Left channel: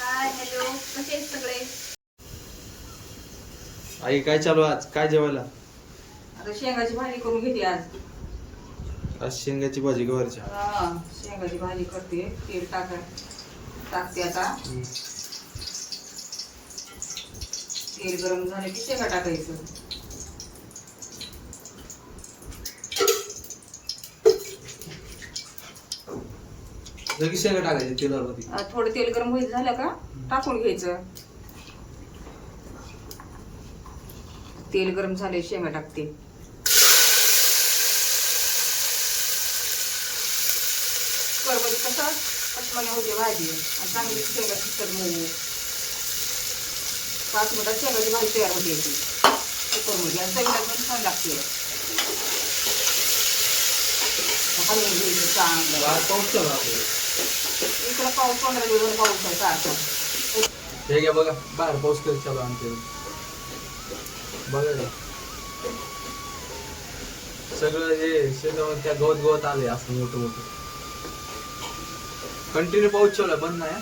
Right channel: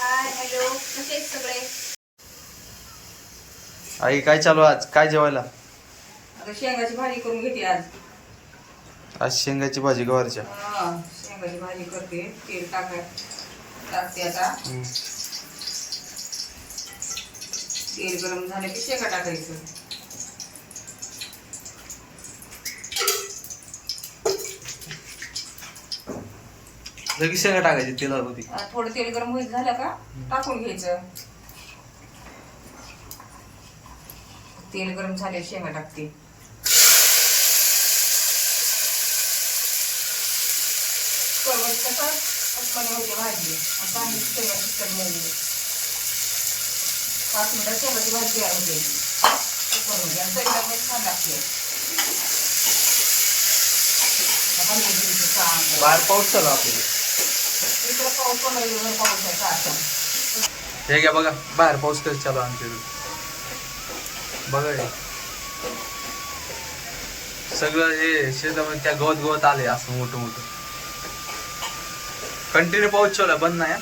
Hi hello, कसे आहेत सगळे? आई काय चालू आज? काय जेवायला? आता शेंगाची भाजी करून घेते आज. आज शेंगाची भाजी गवारच्या. शेंगाची भाजी करते. तेल टाकते आता. तेल गरम झालं की शेंगा टाकायचं. लगेच शेंगा टाकायची तेलामध्ये. थोडं तेल गरम होईल झालं का टाकून घ्यायचं. तेल गरम झाले शेंगा टाकते. करवडी कसा पटकन होते भाजी आणि चांगली शेंगा शिकत मऊ. 5 मिनिटात शेंगाची भाजी तयार होते. करून घ्या आणि चवीला पण छान लागते. हलवून घ्यायचं चांगलं. बाहेर पाऊस चालू आपल्याला. इकडं पाऊस 15 दिवस पाऊस आहे सारखा. हे घ्या बघा बाहेर पाऊस कधी चालू आमच्याकडे. बघा हे. सगळं हे शेतामध्ये त्या गवत आले असं मोठं मोठं. कंटिन्यू पाऊस चालू आहे, बंद नाही.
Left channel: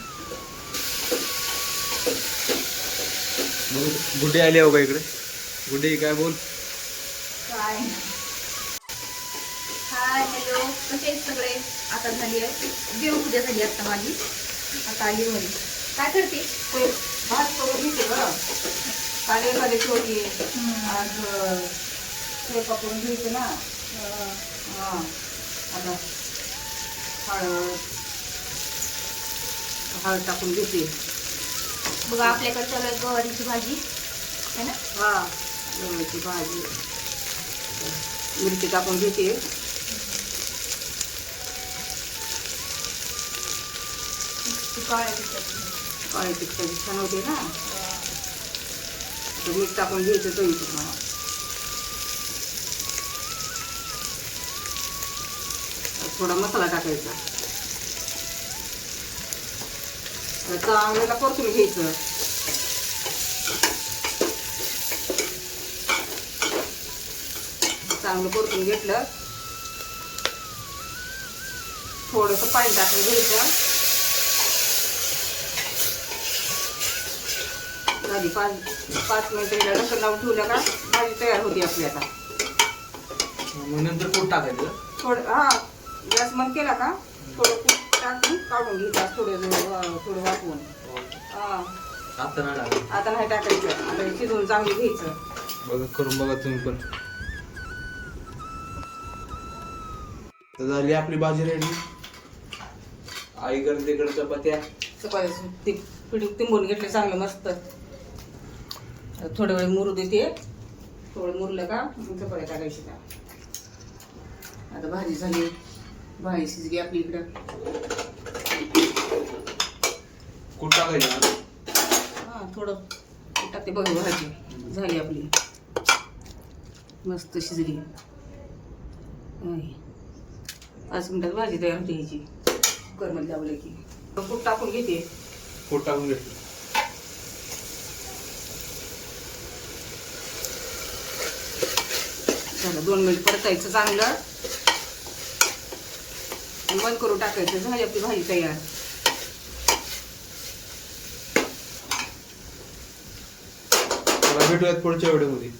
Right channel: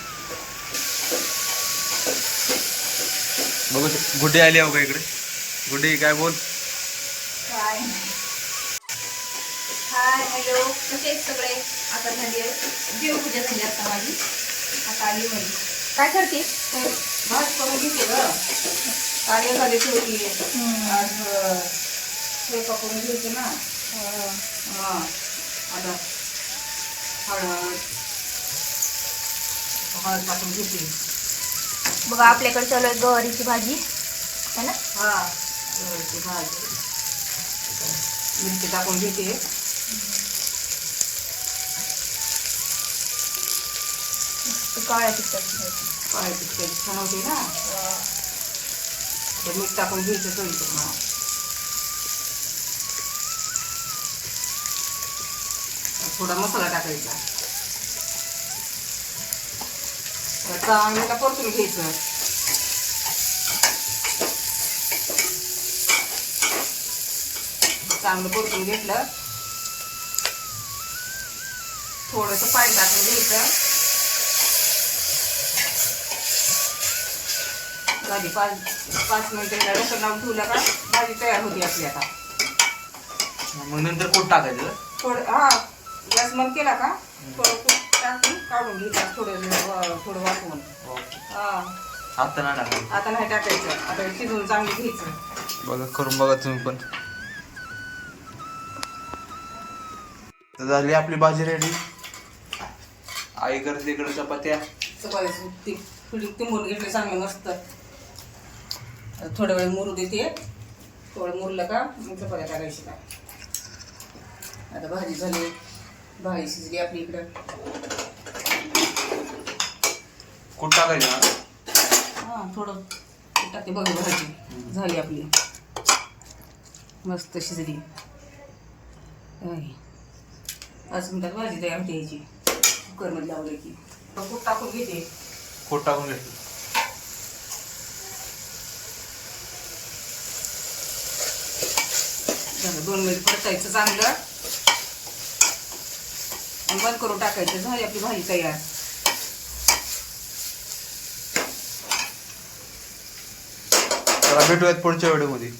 बघू गुड्डी आली आहे बघा इकडे. गुड्डी काय बोल. हाय हॅलो, कसे आहेत सगळे? आता झाली आहे देवपूजा झाली आता माझी. आता आली घरी. काय करते? भात करून घेते ग. काळे काढायची होती आज. हे पकडून घ्यायचं ना. आता हळद टाकून घेते. बघा आपल्याकडे चालू आहे गवारीची भाजी है ना. गवारीची भाजी. मिरची टाकून घेते. काळ्या तिखट काळे तिखटाची छान होते ना. मीठ टाकून घ्यायचं चवीप्रमाणे. थोडा मसाला टाकायचा. चांगल्याला परतून घ्यायचं. चांगलं परतून घेतलं. थोडंसं पाणी टाकून घ्यायचं. भाजी 5 मिनिटं रसण लावून ठेवलं का भाजी तयार होती आपली. आता मग नंतर कोट टाकायचं. थोडं गॅस बंद केला का थोडं टाकून काढून घ्यायचं. थोडं वाटून. आता नाही टाकायचं. आता नाही टाकायचं. आता शिजवून चांगलं घ्यायचं. बघा करून बघा तुम्ही पण. तर झाली आपली भाजी रेडी. आई करते इकडे चपात्या. चपाती पिठी तिंबून घेतली चांगलं मस्त. थोड्या वेळ मुरू देते. थोडं मुरलं का मग चपात्या टाकायची. काय आता भाजी झाली. भाजी शिजली आपली इकडं. कुठं टाकायचं. थोडं टाकते बघा. भाजी झाली आपली मस्त शिजली. 5 मिनिटात भाजी तयार होते ह्याची. कुकरमध्ये लावलं की तूप टाकून घेते. कोट टाकून घेतो. झालं 2 मिनिट परतायचं चांगलं आणि बंद करून टाकायचं. झाली आपली भाजी तयार. चला भेटूयात पुढच्या व्हिडिओमध्ये.